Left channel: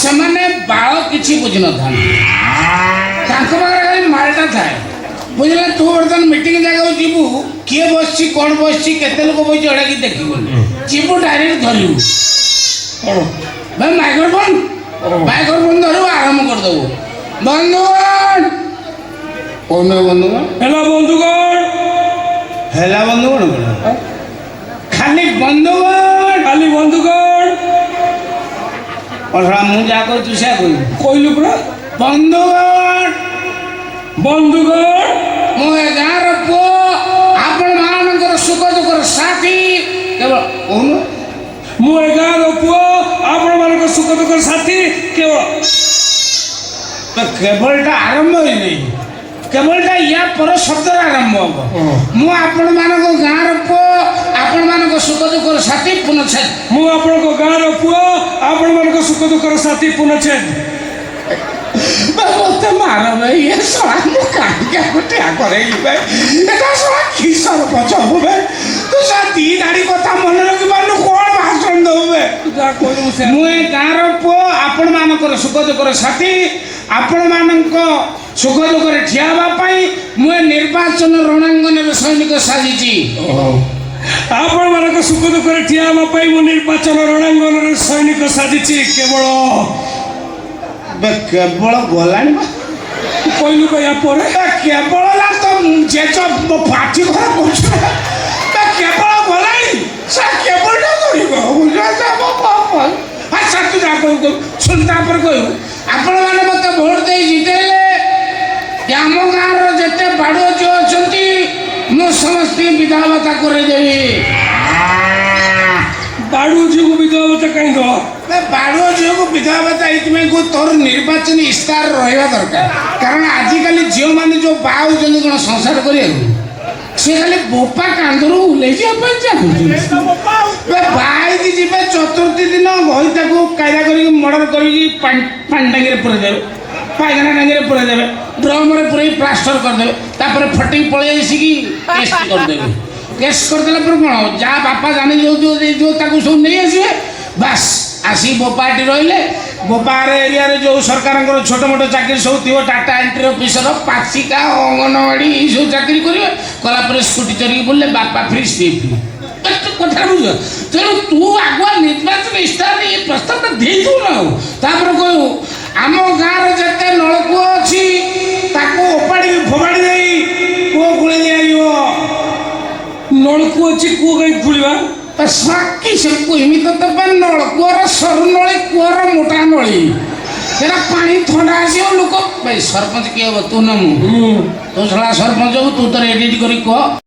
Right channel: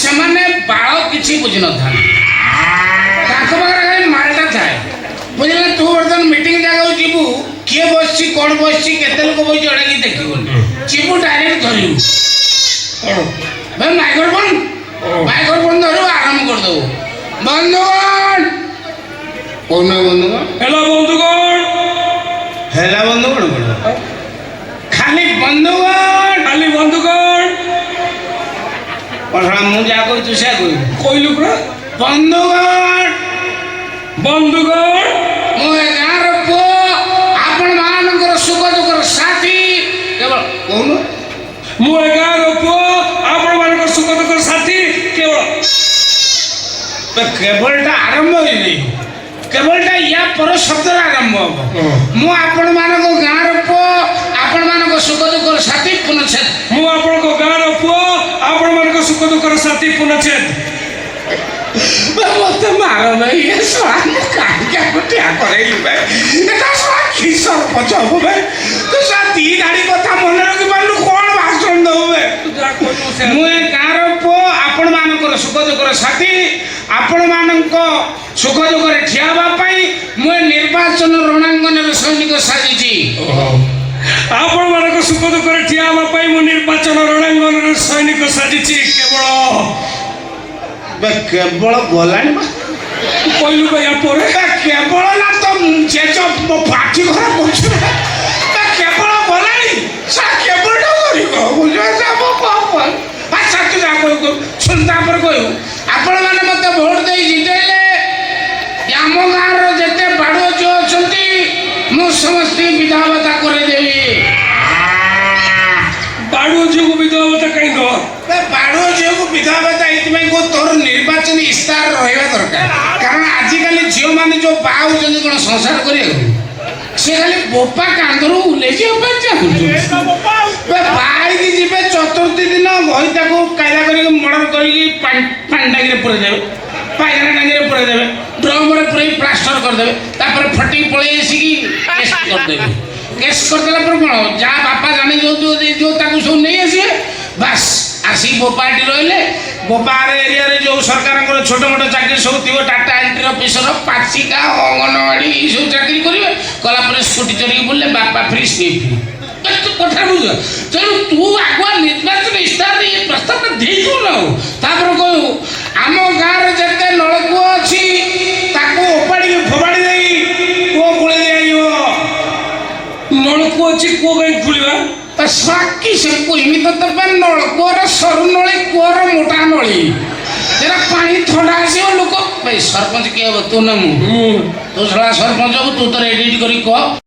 ସେମାନେ ବାଳ କିଛି ବୁଝି ନଥାନ୍ତି ତାଙ୍କ ପାଖରେ ଖାଲି ମାଲଟା ଥାଏ ବୁଝିଲେ ତୁ ବର୍ତ୍ତମାନ ମିଟିଂ ଜାଗାକୁ ଯିବୁ କିଏ ବସିଛି କ'ଣ ବସିଛି କେତେ ଲୋକ ବସିଛି ଏଇଟା କିଛି ଦେଖିବୁନି ଯିବୁ ଡାଇରେକ୍ଟ ଧରିବୁ ଭାଇ ମାଇକ୍ରୋଫୋନ୍ ଧରିବୁ ଆରମ୍ଭ କରିଦେବୁ ବନ୍ଧୁଗଣ କହୁନ ବନ୍ଧୁଗଣ ହେଲା ବନ୍ଧୁଗଣ ହେଲା ବନ୍ଧୁଗଣ କ'ଣ ଖାଲି ବନ୍ଧୁଗଣ ମୁଁ ଯାହା କହୁଛୁ ସେୟା କହିଲୁ ପୁରା ବନ୍ଧୁଗଣ ମୁଁ ଏ ଗାଁର ପୁଅ ଆପଣମାନଙ୍କର ସୁଖ ଦୁଃଖର ସାଥୀ କେବଳ କହୁନୁ ମୁଁ ଏ ଗାଁର ପୁଅ ଆପଣମାନଙ୍କ ସୁଖ ଦୁଃଖର ସାଥୀ କେବଳ କେବଳଟା ଆରମ୍ଭ ହେଇନି କେବଳଟା ୟା ପର ଶବ୍ଦର ଆରମ୍ଭ ହବ ମୁଁ ଆପଣମାନଙ୍କ ଗାଁର ପୁଅ ଆପଣମାନଙ୍କ ସୁଖ ଦୁଃଖର ସାଥୀ ପୁନଚ୍ଛେଦ ମୁଁ ଆପଣଙ୍କ ଗାଁର ପୁଅ ଆପଣମାନଙ୍କ ସୁଖ ଦୁଃଖର ସାଥୀ ପୁନଚ୍ଛେଦ ମତେ ମାର ଭାଇ ଏ ଶଳା ମୁଁ କାହିଁକି ଆକୁ ଠିଆ କରେଇଲି ଭାଇ ଏଟା ଶଳା କି ସରପଞ୍ଚ ହବୁ ଭାଇ ତୁ ଶଳା ଦି ଧାଡ଼ି କଥା ମନେ ରଖିପାରୁନୁ କ'ଣ ଭାଷଣ ଦବୁ ଭାଇ ମୁଁ ଏ ଗାଁର ପୁଅ ଆପଣମାନଙ୍କର ସୁଖ ଦୁଃଖର ସାଥୀ ଆପଣମାନଙ୍କ ସୁଖ ଦୁଃଖରେ ଠିଆ ହେବା ପାଇଁ ମୁଁ ଏ ନିର୍ବାଚନ ରଣାଙ୍ଗନରେ ସୈନିକ ସାଜିଛି ଆପଣମାନଙ୍କ ସୁଖ ଦୁଃଖରେ ଠିଆ ହେବା ପାଇଁ ମୁଁ ନିର୍ବାଚନ ରଣାଙ୍ଗନରେ ସୈନିକ ସାଜିଛି କେବଳ କେବଳ ଗଲାଣି କହିଲୁ ୟା ପରେ କେବଳ ନା ତ ଜେଜ ମୋ ପାଟି ଘର କରୁଛୁ କେବଳ ଗଲାଣି ସେ କେବଳଟା କରିବ ଆଚ୍ଛା ତୁ ଯାହା କହୁ ଶୁଣ ତାପରେ କହିବୁ ଆପଣମାନେ ମୋତେ ଭୋଟ ଦେଇ ଜିତେଇଲେ ଆମ ଗାଁର ଯେତେ ବାଡ଼ୁଅ ଝିଅ ଅଛନ୍ତି ମୁଁ ସମସ୍ତେ ବିଧବା ଭତ୍ତା କରେଇଦେବି ବାଡ଼ୁଅ ଝିଅକୁ ବିଧବା ଭତ୍ତା କାହିଁ ଦେବା ବାଡ଼ୁଅ ଝିଅକୁ ବିଧବା ଭତ୍ତା ଏଇଥିପାଇଁ ତୋର ନିର୍ବାଚନୀ ଇସ୍ତାହାର ରହିବା ଦରକାର କାରଣ ଆଜିକାଲି ଝିଅମାନେ ଯେଉଁ ବାହା ହେଉଛନ୍ତି କ'ଣ ସଂସାର କରିବାକୁ ସେ ଖାଲି ବୋପା କାନ୍ଧରୁ ଓହ୍ଲେଇ ଯିବା ପାଇଁ ଚାହୁଁଛନ୍ତି ବାହା ହେଇକି ଯିବେ ଚତୁର୍ଥୀ ଦିନ ଘଇତାକୁ କାୟଦା କରିକି ମର୍ଡର କରିକି ପାଣି ଟାଙ୍କିରେ ପୁରେଇ ଦେବେ ପାଇଖାନା ଟାଙ୍କିରେ ପୁରେଇ ଦେବେ ଡ୍ରମରେ ପୁରେଇ ପ୍ଲାଷ୍ଟର କରିଦେବେ ତାପରେ ଫଟିକି ପଳେଇ ଆସିକି କେସ୍ କରିଦେବେ କେସ୍ କରିଦେଲା ପରେ କ'ଣ ଯାହା ବାପା ଜାଣି ଯେଉଁ ତାକୁ ସବୁ ନେଇ ଆସିବେ ବାସ୍ ଆସିକି ବୋପାଟି ରହିଲେ ବୋପାର ଏରିଆରେ ଯେଉଁ ସରକାରଙ୍କର ଛୋଟ ମୋଟ ଚାକିରି ସବୁ ଥିବ ଟାଟା ଏଣ୍ଟ୍ରି ଅଫିସର ପାଚିକା ଅଙ୍ଗନବାଡ଼ି ଏଇସବୁ ଚାକିରି କରିବେ କଲା ପରେ ସ୍କୁଟି ଚରିକି ବୁଲିଲେ ବାପା ଫ୍ରି ସ୍ଲିପ୍ କଥା ବୁଝ ତେଣୁ ତୁ ଆଗୁଆ ନିର୍ବାଚନ ଇସ୍ତାହାର ଏ ପ୍ରସ୍ତାବଟା ଦେଇଦେଉନ ଆଉ ତାପରେ କହିବୁ ଆମ ଗାଁର ଯେତେ ନଳକୂଅ ଅଛି ତାକୁ ଓପାଡ଼ିକି ଫୋପାଡ଼ି ଦେଇ କୂଅ ଖୋଳେଇ ଦିଆଯିବ ନଳକୂଅ ଅଛି କୂଅ କାହିଁ ଖୋଳିବା ବାକି ସେକୁ ଏମିତି ତ ପାଇଁ ନଳକୂଅର ସରୁ ନଳୀ କୂଅର ମୋଟା ନଳୀ ସେଟା ପାଣି ଥଣ୍ଡା ଆସିବ ଲୋକ ସରପଞ୍ଚ କିଏ ହବ ତୁ ନା ମୁଁ ତୁ ଶଳା ସରପଞ୍ଚ ହବୁ ତୁ ତୋର ଏଡିଟ୍ କରି କହ